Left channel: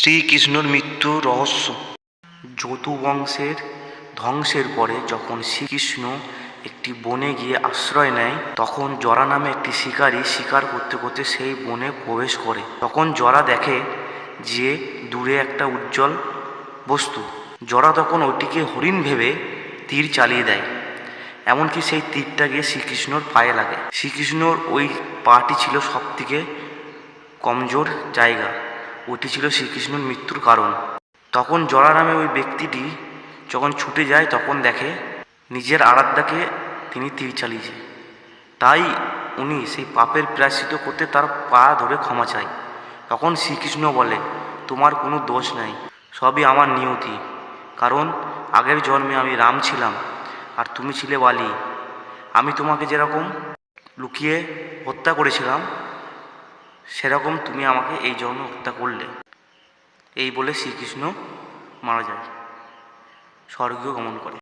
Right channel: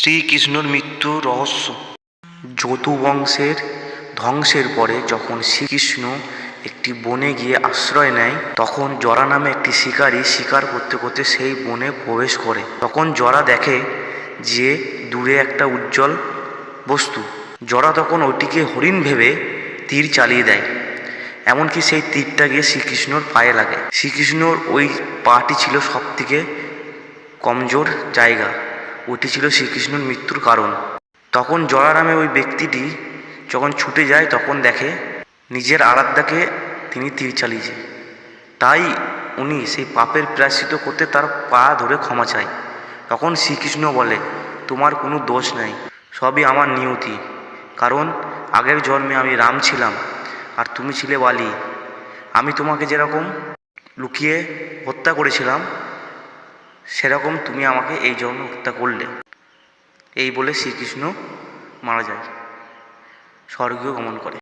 শ্রীকৃষ্ণর মৃত্যুর রহস্য। যদু বংশের ধ্বংসের পরে যখন শ্রীকৃষ্ণ একটি বনে গিয়ে আশ্রয় নেয়, তখন জরা নামে একটি শিকারী শিকার করতে করতে সেই বনে প্রবেশ করে। তখন জরা দেখে যে দূরে একটা উজ্জ্বল বস্তু। জরা তখন ওটিকে হরিণ ভেবে তীর চালিয়ে দেয়, এমনকি সেই তীরটা গিয়ে শ্রীকৃষ্ণর পায়ে লাগে। শ্রীকৃষ্ণর ওই পাটি ছিল সবথেকে কমজোর জায়গা, ওটি ছিল শ্রীকৃষ্ণর মৃত্যুর কারণ। তখন জরা নামে ওই ব্যক্তিটি যখন ছুটে যায়, তখন দেখে নিজের আরাধ্যাকে তিনি তীর চালিয়েছে। তাই উনি সেই পাপের প্রায়শ্চিত্ত করতে তার পা ধরে ক্ষমা চায়। তখন শ্রীকৃষ্ণ বলে, তোমার কোনো দোষ নাই, সবই আমার নিয়তি। কারণ আগের জন্মে আমি রাম ছিলাম আর তুমি ছিলে বালি। আমি তোমাকে যেরকম লুকিয়ে হত্যা করেছিলাম, সেরকম তুমি আমাকে এই জন্মে হত্যা করলে। এই বলে শ্রীকৃষ্ণ মারা যায়, স্বর্গীয় গমন করে।